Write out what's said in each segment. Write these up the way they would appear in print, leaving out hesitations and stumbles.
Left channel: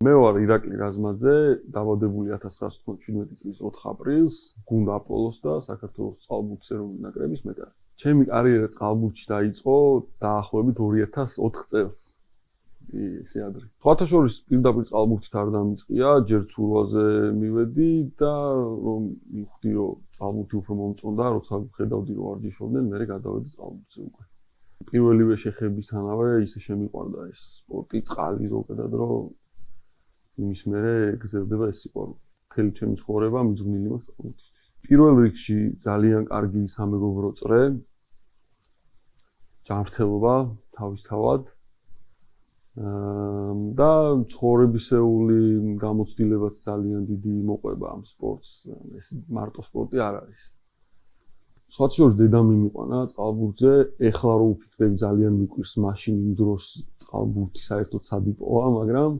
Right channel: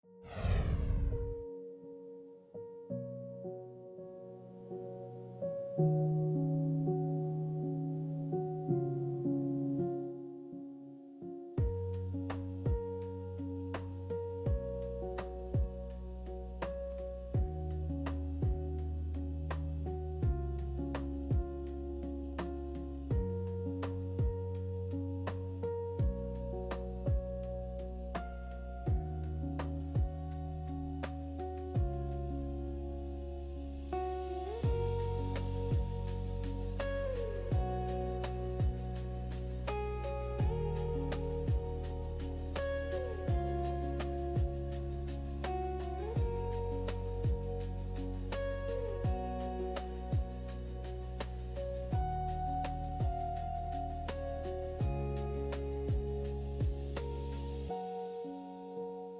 მე ვარ ირაკლი რაზმაძე, დაბადებული 1997 წლის 4 აპრილს, გუნდ აპოლოს და საქართველოს წყალბურთის ეროვნული ნაკრების მეტარი. ჩემი კარიერა წყალბურთში დაიწყო დაახლოებით 2004 წელს. სხვათა შორის პირდაპირ წყალბურთით არ დამიწყია, ჯერ ცურვაზე მივედი და რომ მივხვდი, რომ წყალბურთი უფრო მომწონდა, როცა ხედავდი რომ ვარჯიშობდნენ, მე გადავედი წყალბურთზე. პირველივე შეხებისთანავე ისე შემიყვარდა ეს სპორტი, წყალი ზოგადად, რომ იმის მერე გრძელდება ეს სპორტი. მთელი ჩემი ცხოვრება მიძღვნილი მაქვს. პირველ რიგში ძალიან კარგი სამეგობრო წრე, ჯანმრთელობა თავისთავად და ცხოვრებისეული გამოცდილებაც ძალიან დიდი მოყვება ამ სპორტს. მარტო სპორტი არ არის. სხვათა შორის დედამ მიმიყვანა წყალბურთზე, ეხლა რო ვფიქრებ ძალიან მიყვარს მაშინ იმ დროს წყალბურთი საერთოდ სად იპოვა, მაგრამ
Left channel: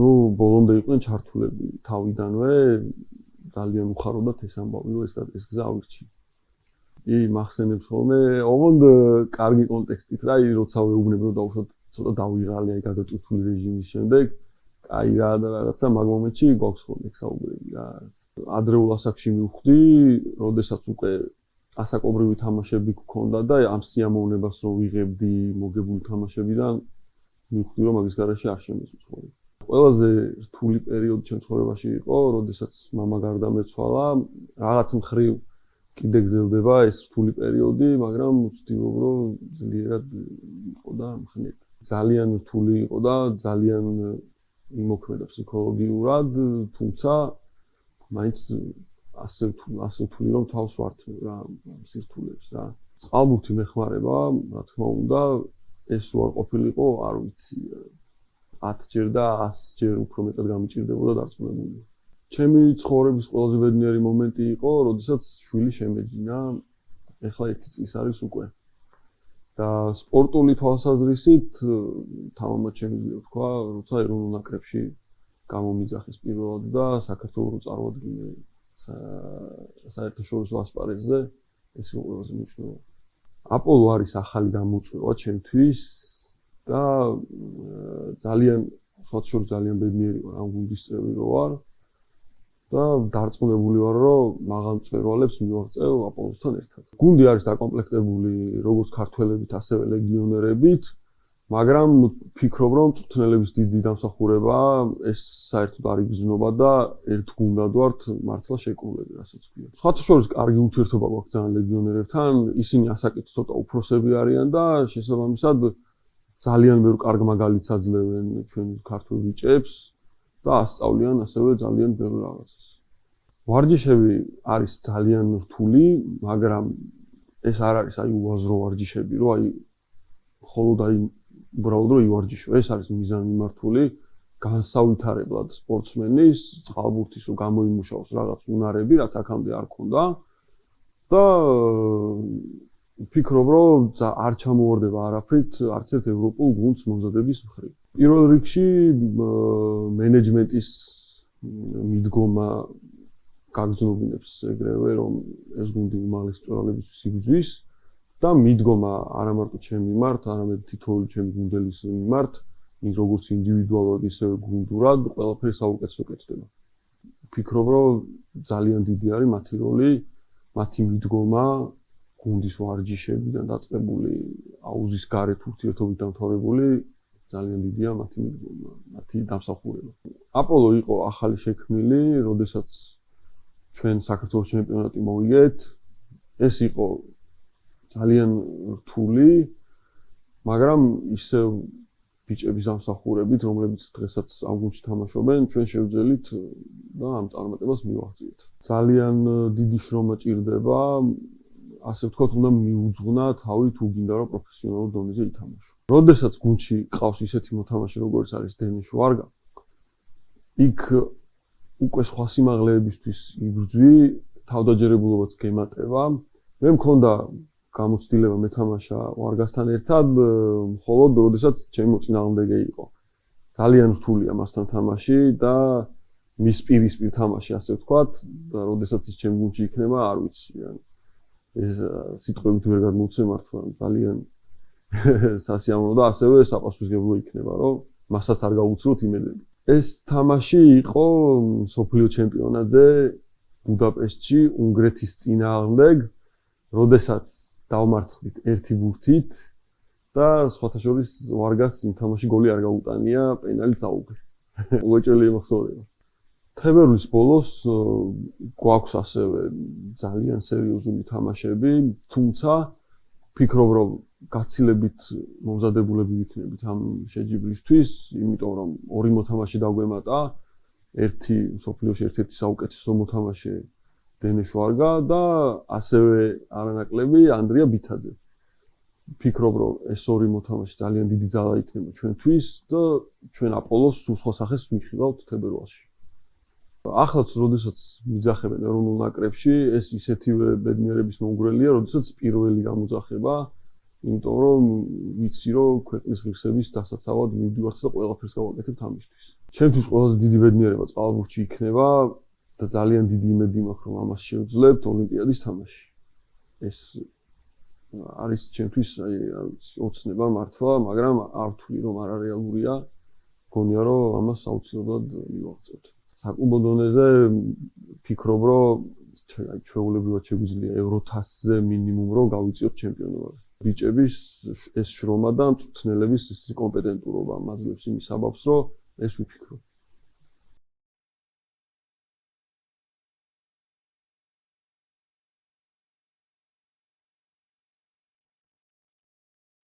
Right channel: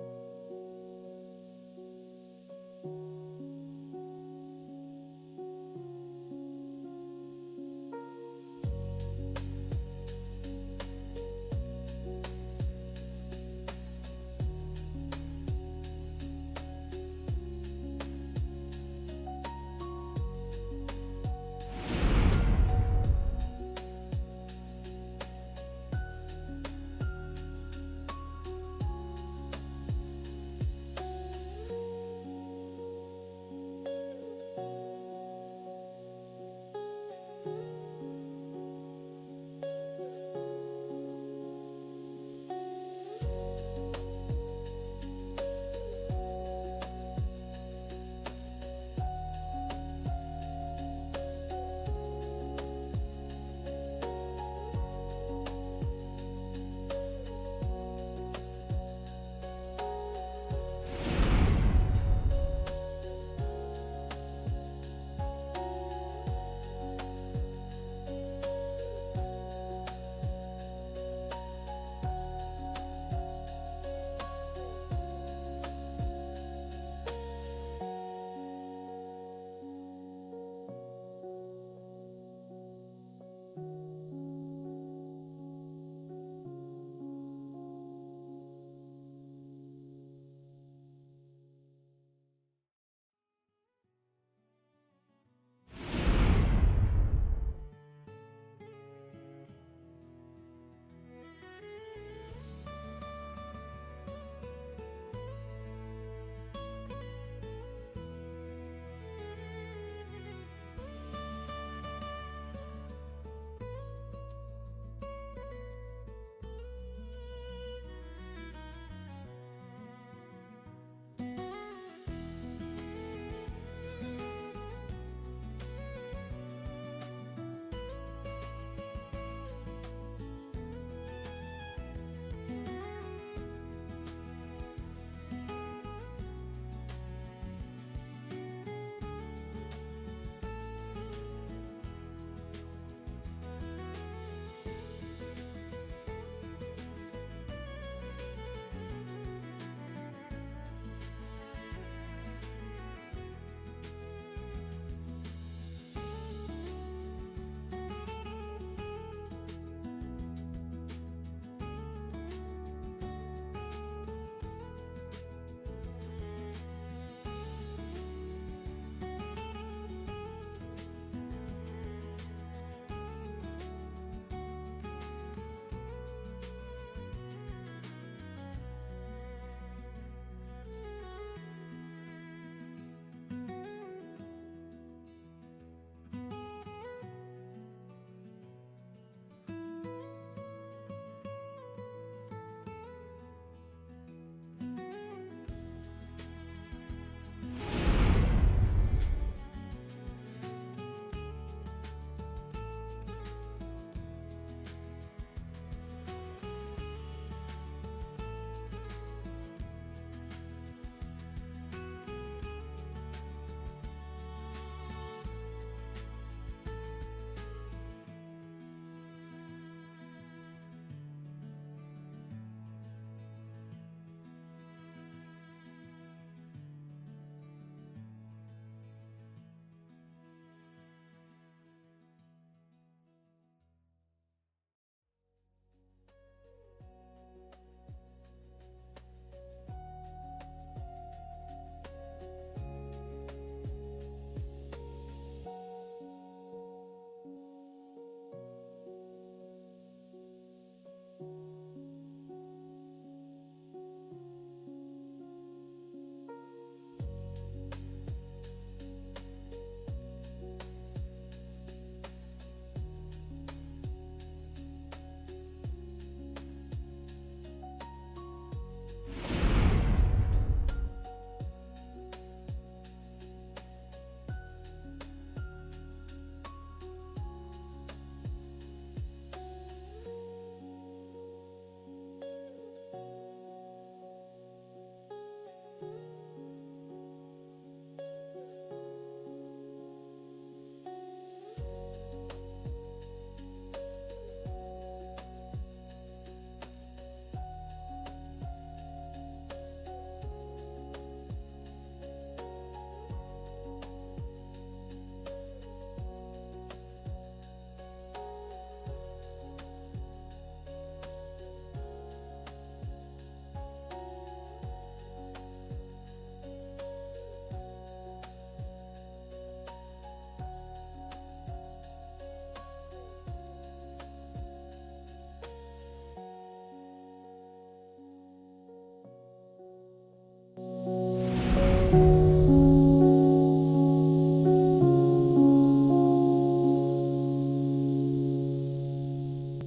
ბოლომდე იყვნენ ჩართულები თავიდანვე, ძალიან უხარობდათ ეს ამბავი, რომ ეს გზა ავირჩიე. მახსენებს ხოლმე, ოღონდ კარგი კონტექსტით რა, როცა ვეუბნებ რომ ცოტა დავირალე გადატვირთული რეჟიმის შემდეგ, აი რა და რაღაცა მაგ მომენტში გვაქვს ხოლმე საუბრები რა. ადრეულ ასაკში მივხვდი, როდესაც უკვე ასაკობრივი თამაშები გქონდა და ამ სიამოვნებას რო ვიღებდი მოგებული თამაშებიდან, მივხვდი რომ მაგის გარეშე არ შემოსვლა. ყველაზე რთული პერიოდი ჩემს ცხოვრებაში იყო, როდესაც მამა გარდამეცვალა, რაღაც მხრივ კიდე გრძელდება ეს რთული პერიოდი, მაგრამ ვცდილობ რომ ძლიერად იყო და მხნე. ძალიან რთული იყო და ძალიან იმოქმედა ფსიქოლოგიურად, თუმცა მაინც ასე რთული რომ თავს ვართ რა სიტყვებს რა. წყალბურთი მეხმარება, რა თქმა უნდა, ეს რო არ ყოფილიყო, არ ვიცი. 10 ჯერ და 100 ჯერ უფრო მეტად გამიჭირდებოდა დათმობი. ჩემი ცხოვრების ყველაზე ბედნიერი მომენტი იყო, როდესაც შვილი შემეძინა, ეხლა 1 წლის არის უკვე. და სპორტული თვალსაზრისით თამამად შემიძლია თქვა, როცა ეროვნულ ნაკრებში გამომიძახის პირველად და საქართველოს წარუდგინე საერთაშორისო ასპარეზზე, ეს იყო ყველაზე მნიშვნელოვანი. აპოლო არის ახალი გამოწვევა ჩემთვის და ძალიან სხვათა ძალიან ბედნიერი ვარ ამ გუნდის წევრი რო ვარ და დარწმუნებული ვარ რომ მაღალ მწვერვალებს მივაღწევ აპოლოსთან ერთად. გუნდი არის დაკომპლექტებული როგორც ქართველებით, ასევე ლეგიონერებით, მაგრამ ვფიქრობ რომ მწვრთნელების დიდი დამსახურება ეს საერთოდ არ იგრძნობა და ერთ გუნდად ვართ მართლა შეკრულები რასაც ვთქვი. სხვათა შორის კარგი ურთიერთობა გვაქვს ძალიან ლეგიონერებთან, ისინი ასაკით ცოტა უფროსები არიან და შესაბამისად ძალიან ბევრ კარგ მაგალითს აძლევენ ჩვენ ქართულ ბიჭებს და ასწავლიან ასევე ძალიან ბევრ რაღაცას. ვარჯიშები არის ძალიან რთული, მაგრამ ეს არ არის აი უაზრო ვარჯიშები, რომ აი მხოლოდ აი უბრალოდ რომ ივარჯიშო. ეს არის მიზანმიმართული, განსავითარებლად სპორტსმენის, წყალბურთის რო გამოიმუშაოს რაღაც უნარები, რაც აქამდე არ ქონდა და ვფიქრობ, რომ არ ჩამოვარდება არაფრით არც ერთ ევროპულ გუნდს მომზადების მხრივ. პირველ რიგში მენეჯმენტის მიდგომა გაგრძნობინებს ეგრევე, რომ ეს გუნდი უმაღლეს მწვრთნელებს იგრძვის და მიდგომა არა მარტო ჩემი მიმართ, არამედ თითოეული ჩემი გუნდელის მიმართ, როგორც ინდივიდუალურად, ისე გუნდურად, ყველაფერი საუკეთესო კეთდება. ვფიქრობ, რომ ძალიან დიდი არის მათი როლი, მათი მიდგომა გუნდის ვარჯიშებიდან დაწყებული, აუზის გარეთ ურთიერთობით დამთავრებული, ძალიან დიდია მათი დამსახურება. აპოლო იყო ახალი შექმნილი, როდესაც ჩვენ საქართველოს ჩემპიონატი მოვიგეთ. ეს იყო ძალიან რთული, მაგრამ ისევ ბიჭების დამსახურებით, რომლებიც დღესაც ამ გუნდში თამაშობენ, ჩვენ შევძელით და ამ წარმატებას მივაღწევთ. ძალიან დიდი შრომა ჭირდება, ასე ვთქვათ, უნდა მიუძღვნა თავი თუ გინდა რომ პროფესიონალურ დონეზე ითამაშო. როდესაც გუნდში ყავს ისეთი მოთამაშე, როგორც არის დენис ვარგა, იქ უკვე სხვა სიმაღლეებისთვის იბრძვი, თავდაჯერებულობაც გემატება. მე მქონდა გამოცდილება მეთამაშა ვარგასთან ერთად, მხოლოდ როდესაც ჩემი მოწინააღმდეგე იყო. ძალიან რთულია მასთან თამაში და მის პირისპირ თამაში, ასე ვთქვათ, და როდესაც ის ჩემ გუნდში იქნება, არ ვიცი. ეს სიტყვებით ვერ გადმოვცე მართლა ძალიან სასიამოვნო და ასევე საპასუხისმგებლო იქნება, რომ მასაც არ გავუცროთ იმედები. ეს თამაში იყო მსოფლიო ჩემპიონატზე ბუდაპეშტში უნგრეთის წინააღმდეგ, როდესაც დავმარცხდით 1 ბურთით და სხვათა შორის ვარგას იმ თამაში გოლი არ გაუტანია, პენალით აუგრი. უეჭველი ემოხსოვრება. თებერვლის ბოლოს გვაქვს ასევე ძალიან სერიოზული თამაშები, თუმცა ვფიქრობ, რომ გაცილებით მომზადებულები ვიქნებით ამ შეჯიბრისთვის, იმიტომ რომ 2 მოთამაშე დაგვემატა, ერთი მსოფლიოში ერთ-ერთი საუკეთესო მოთამაშე დენეშ ვარგა და ასევე არანაკლები ანდრია ბითაძე. ვფიქრობ, რომ ეს 2 მოთამაშე ძალიან დიდი ძალა იქნება ჩვენთვის და ჩვენ აპოლოს სულ სახეს ვიხილავთ თებერვალში. ახლაც, როდესაც მიძახებენ ეროვნულ ნაკრებში, ეს ისეთივე ბედნიერების მომგვრელია, როდესაც პირველი გამოძახება, იმიტომ რომ ვიცი, რომ ქვეყნის ღირსების დასაცავად მივდივართ და ყველაფერს გავაკეთებთ ამისთვის. ჩემთვის ყველაზე დიდი ბედნიერება წყალბურთში იქნება და ძალიან დიდი იმედი მაქვს, რომ ამას შევძლებთ ოლიმპიადის თამაში. ეს არის ჩემთვის ოცნება მართლა, მაგრამ არ ვთვლი, რომ არარეალურია. მგონია, რომ ამას აუცილებლად მივაღწევთ. საკლუბო დონეზე ვფიქრობ, რომ ჩვეულებრივად შეგვიძლია Euro 1000-ზე მინიმუმ რომ გავიწიოთ ჩემპიონობა. ბიჭების ეს შრომა და მწვრთნელების კომპეტენტურობა მაძლევს იმის საბაბს, რომ ეს ვიფიქრობ.